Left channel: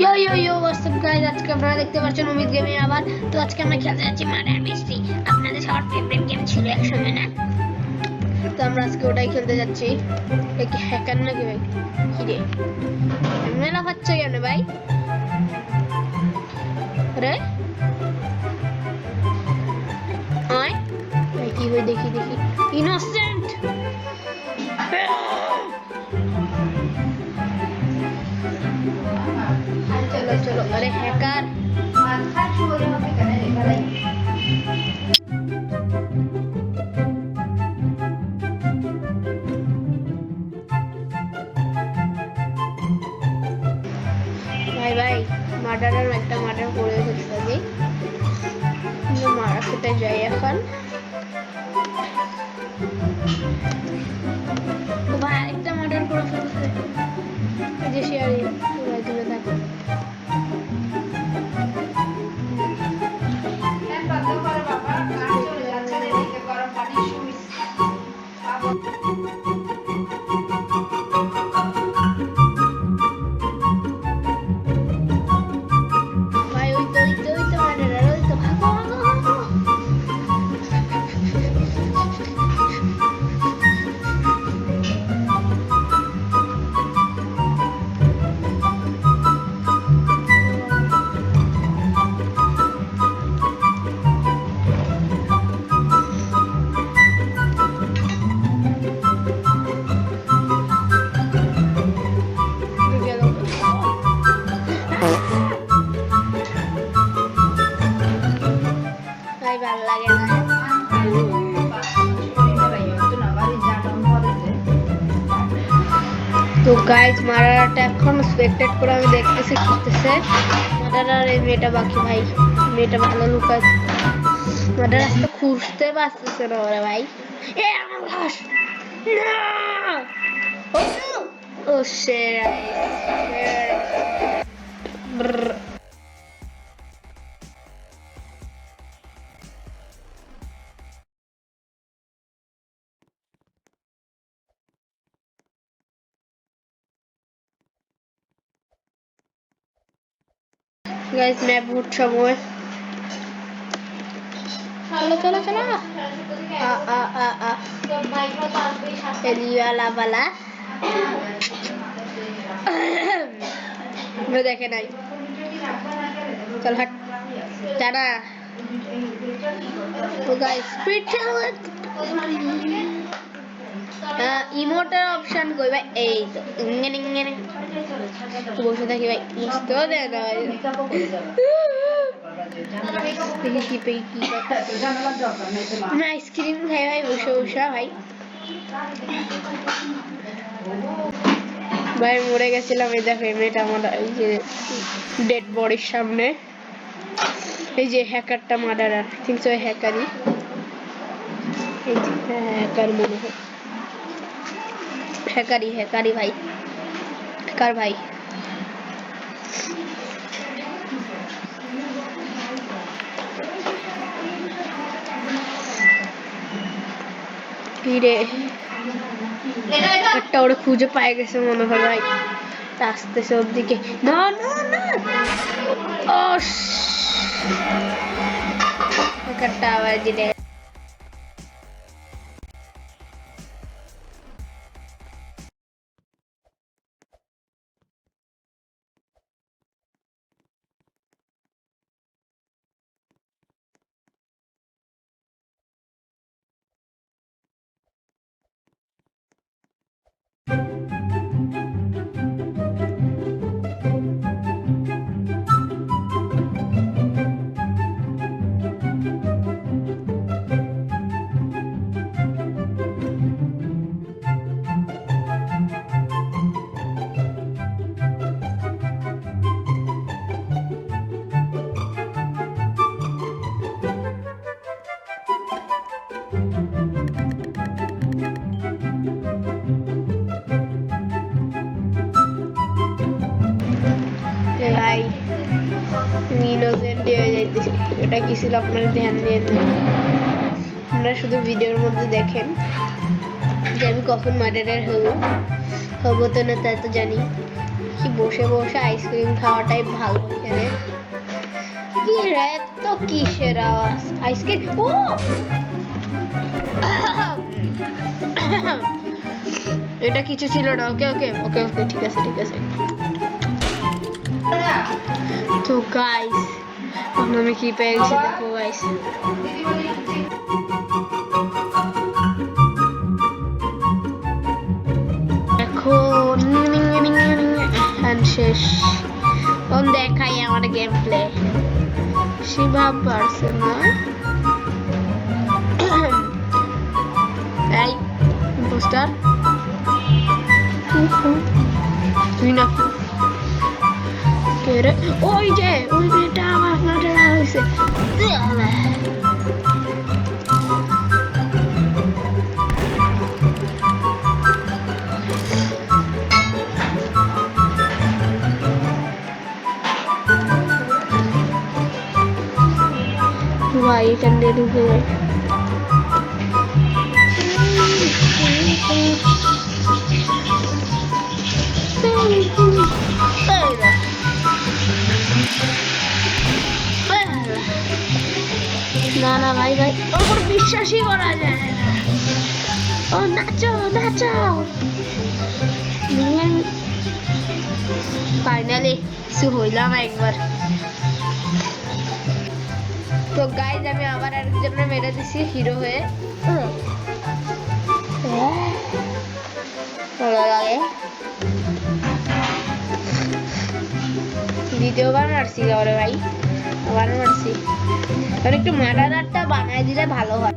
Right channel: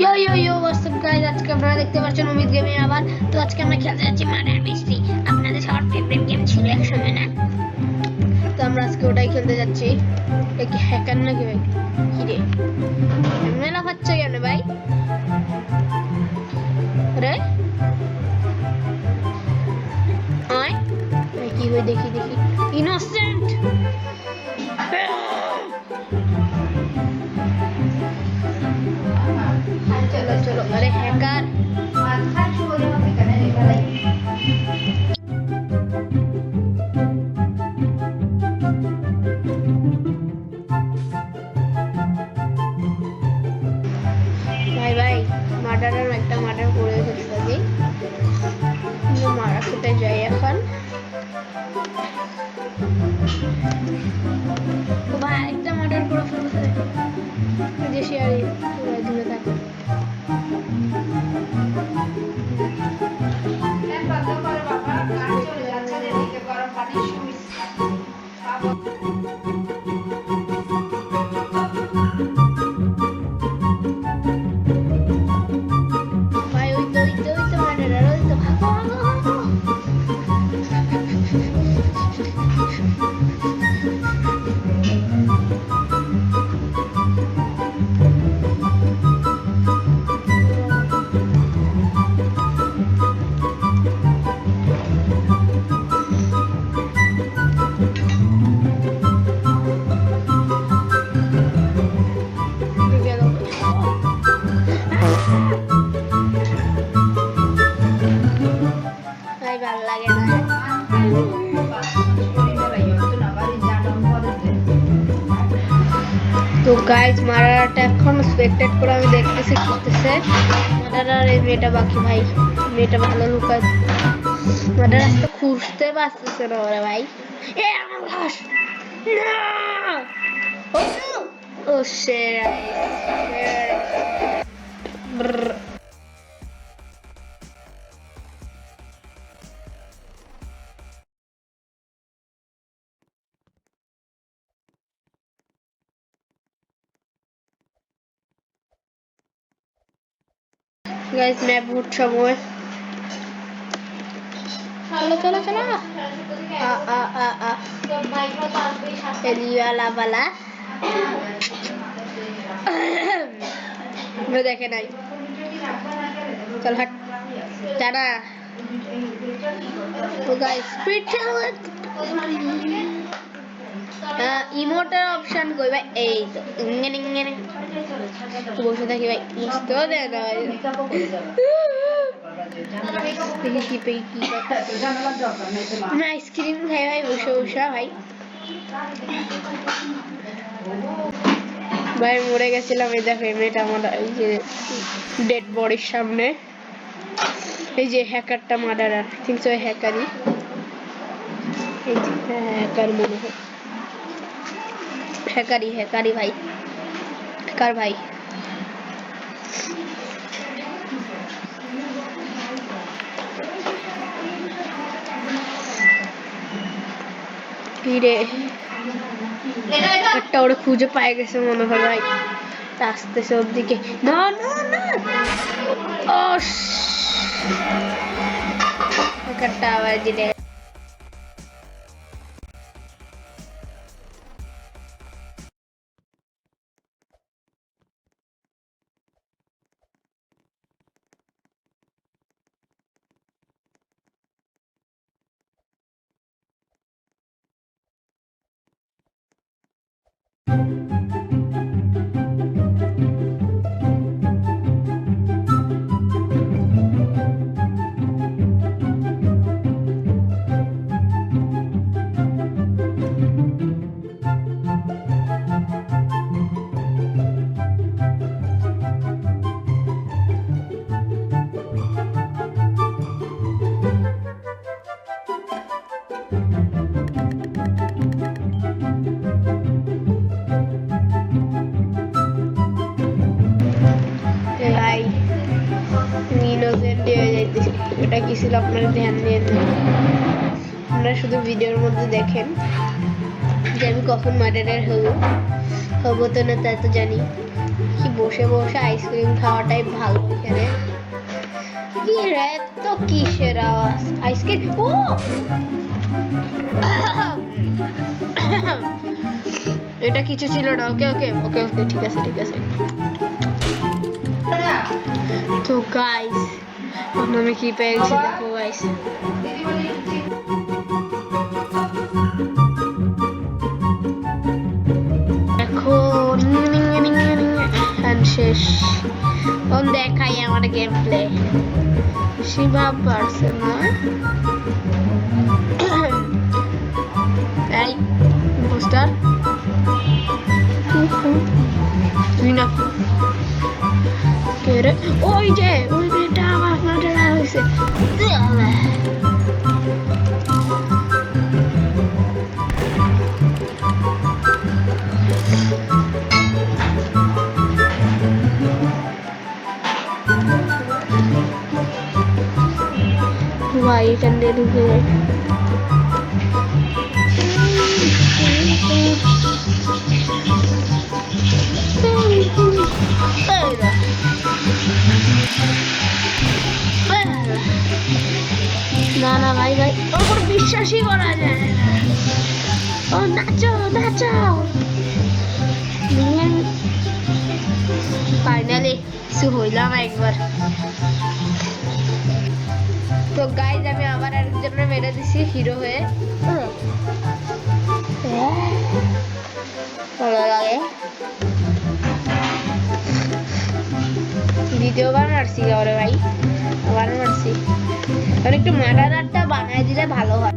ইয়ো ইয়ো ইয়ো WhatsApp guys, আজকে আপনারা দেখতে পাচ্ছেন অমিত গেমে আবার। তো আজকে আমরা খেলতে যাচ্ছি মার্ডার মিস্ট্রি। আপনাদের সবার ফেভারিট গেম ছিল এক সময়, না? তো আমরা আজকে ওটাই খেলতে যাচ্ছি। এ কি হ্যাকার নাকি ভাই? কি রে, মেলা হচ্ছে কেন ভাই? রে আয় ভাই, কি হই দেখি দেখি। ইনোসেন্ট, চলো চলো। আরে হ্যাকার, ভাই ভাই মার্ডারের একটা মার্ডার করে ফেলছে আগে। মারা খেতে যাই এখন। ও ভাই আরেকটা মার্ডার করে ফেলছে। যে শেয়ারি দূরে থাকো। ভাই ওই তো ওই তো ওই তো মার্ডার, ওই তো ভাগো ভাগো ভাগো। ভাই ভাল লাগে না। তো গাইজ মারাটা এখন স্পেক্টেট করে আমি দেখতেছি করতেছে। মারার এই মেয়েটা বাকি ভাই, মেয়েটা ভালো লুকায়। মারার রাস্তা খুঁজতে পারতেছে না ওরা ভাই। এ আমার ঘাস না। ও শের গাইজ ম্যাপ ভোট সময়। চলো চলো চলো। এলিওয়ালা বালা দেখে নাই। চল হাট জানা। তো গাইস স্পিড ইমোটের অপশন কই ভাই? এই তো ইঙ্গেন ইঙ্গেন বসে থাকি ভাই, বুঝতেও দেয় না ভাই। দেখি কি পেই কি আমি আইসক্রিম খাই ভাই বসে বসে ভাই। ভাই মরে গেছিলাম, এই দেখো মেয়েটা আমার এই যে ডেড বডির সামনে। এই যে হ্যাকারটা মার্ডারার, থিংক সো হ্যাকারই। এই যে হ্যাকার মনে হয়, হ্যাকারই হ্যাকারই ভাই, হ্যাকার ভাই। কিরে একটা ওরা খুঁজে পায় গেছে মনে হয় ভাই, আসতেছে ওর দিকে। না না না, একটা আবার যেটা ভাই তুমি ইনোসেন্ট হয়ে যাইতেছি। এটা কি ছিল আপনারা ধ্যান দিয়ে আপনারা শুধু ভিডিওর মধ্যে দেখেন যে আমি কখন মার্ডারার হব, হবো তো না তা তো জানি। দেখি বসে বসে আইসক্রিম খাওয়াটাই ভালো এখানে। কি রে তো কিসের আওয়াজ? আইসক্রিম ও এটা কিছু ছিল না। ওকে ওকে ওকে ওকে ঠিক আছে ঠিক আছে। তো গাইস আমি কি পেয়েছি দেখো গাইস। এখন শেষ দেখাই আমার গেম প্লে। শিবা পারছে না এই পোস্টার তুই না কে রে? ওই যে ওই মেয়েটা আমার মাঠে হয়েছে। ভাই এখান দিয়ে ঢুকে যাই। না না ভাই ভাই ওর বিশ্বাসই করা যায় না। ও নাচো নাচো। ফাইনালি কিছু হইলাম একবার। তো গাইজ আমি আবার আরেকজনের মেরে দিছি হিরো হয়ে। ভালো লাগে। দ্বিতীয়বার মারছি ওরে ভাই, আবার মারছি। কারণ একটু মারাদারটা বানায় দিলে ভালো হয়।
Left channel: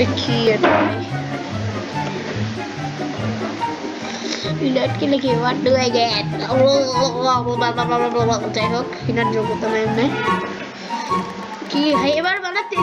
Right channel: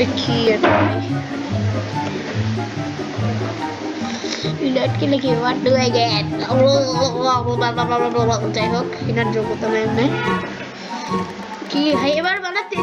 দেখি এটা ইলাট কি নাকি what do I get যাই হোক ইনার যোগ্যতা নেই কি ভাই এবার বানাতে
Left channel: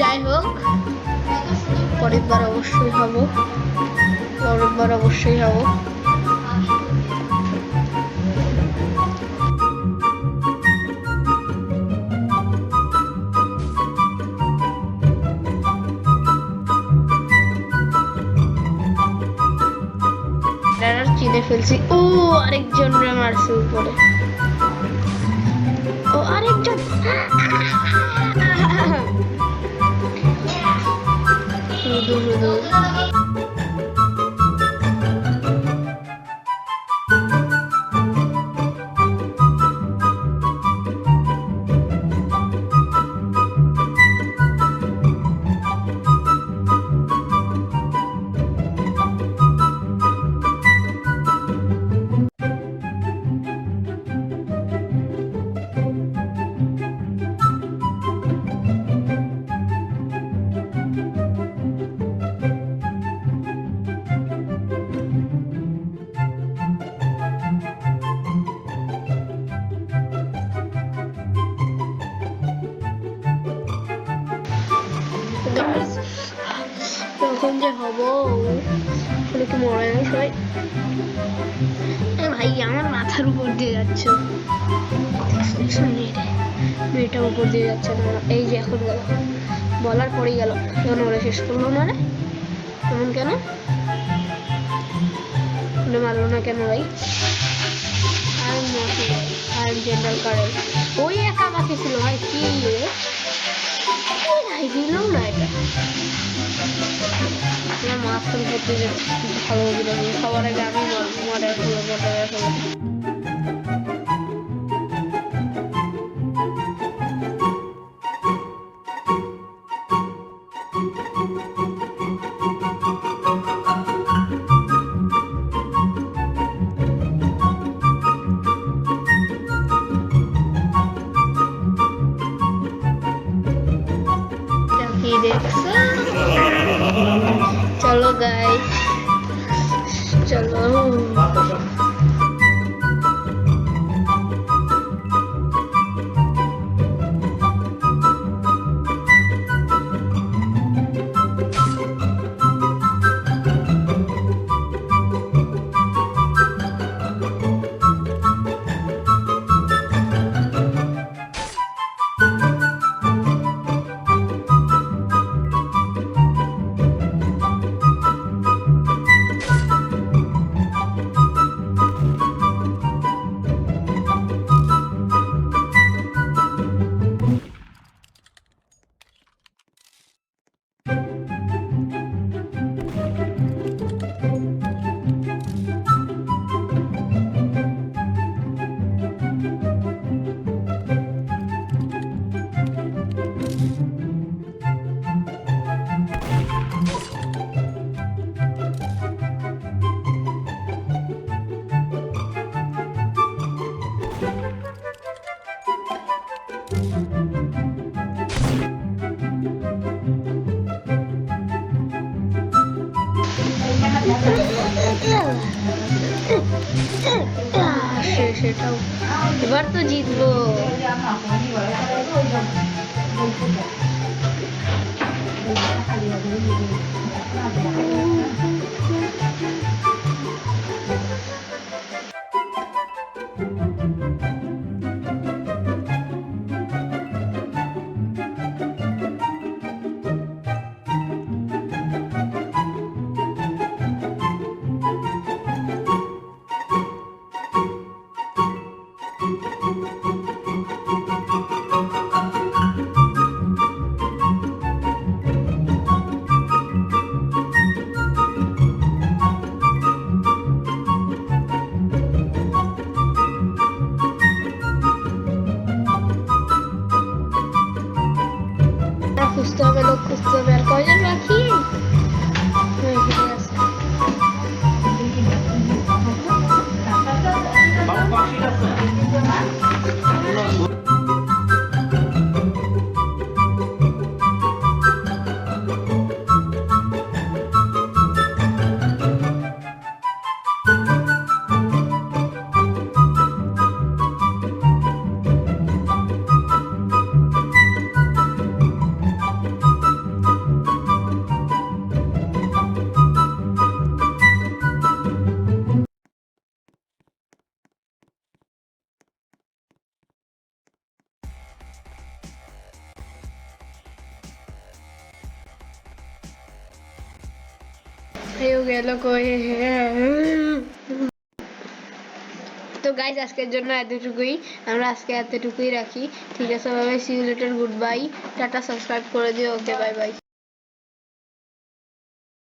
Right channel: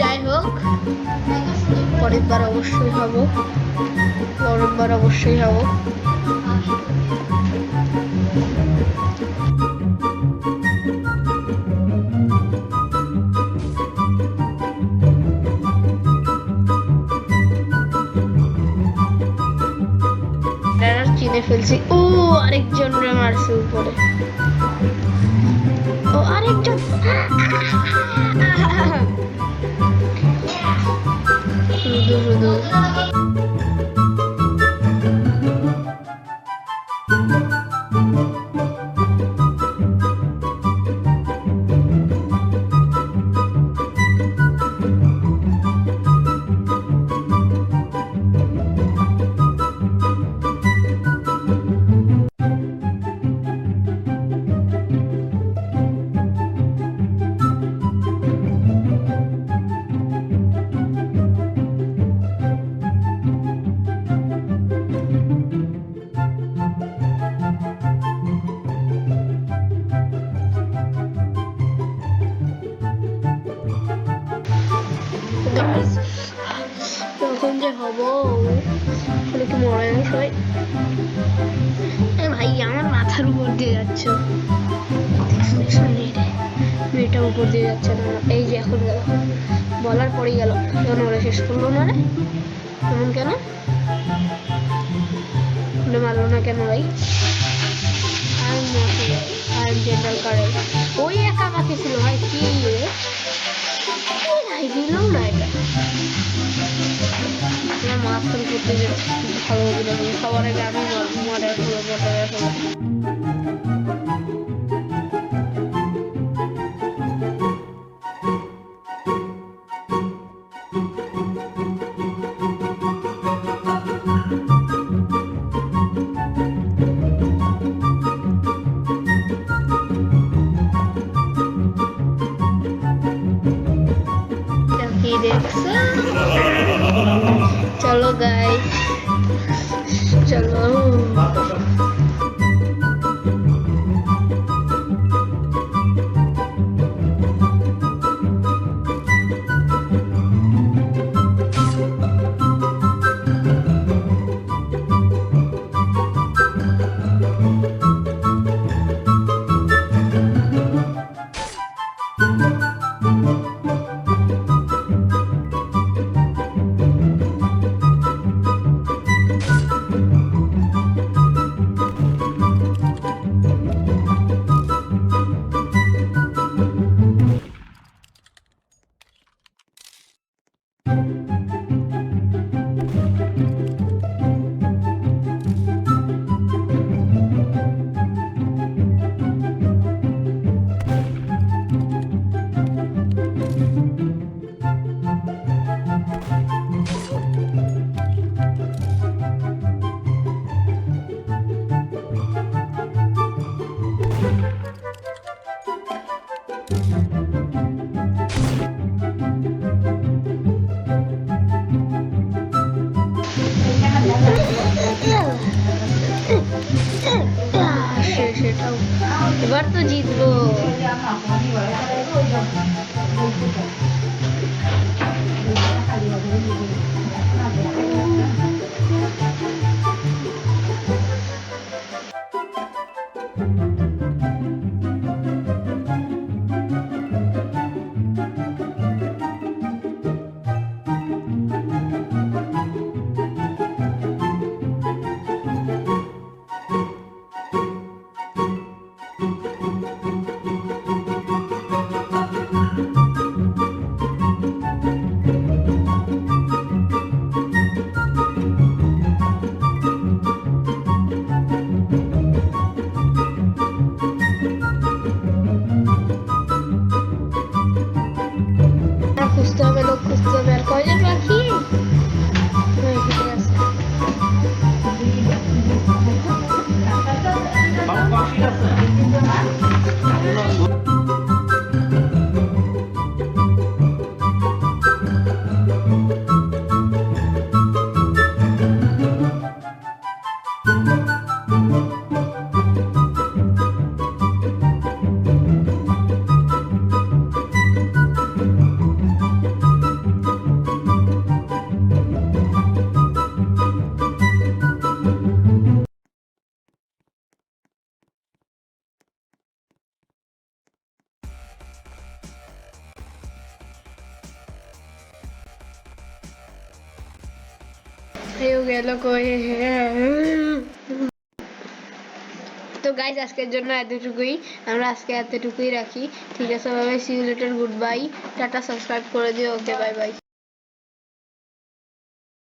যাই হোক পরের বার অবশ্যই হব। চিনে ফেলছি। ও আরেকজন মারছে উপরে। ও আরেকজন শুধু শুধু তখন যে হবো কি মরে না সবাই। ভাই আমার মাথার উপর দিয়ে যাচ্ছে মেয়েটা উপর দিয়ে যাচ্ছে না। এই যে এখন গেল বলার পরেই গেল এখন ওরা শেষ করলো না রে। এমন কেন মারলো না কেন ভাই? আর জেনারেল কারে ওই একা বাকি ছিল ভাই। কি রে দিল না এটা মাথার উপর দিয়ে ভালো হবে। সবার আগে আমি মরে चलो गाइस चलो এবার তো জিতবো। খুঁজতে হবে, লোক খুঁজতে হবে। আর কয়জন বাকি? হ্যাঁ, ঠিক আছে। গেল কই? তো গাইজ আজকের জন্য এতটুকুই, আমরা আজকে এতটুকুই রাখি। ঠিক আছে, bye bye, see you later, goodbye, টাটা, সাবস্ক্রাইব করে দিও। Okay, bye by.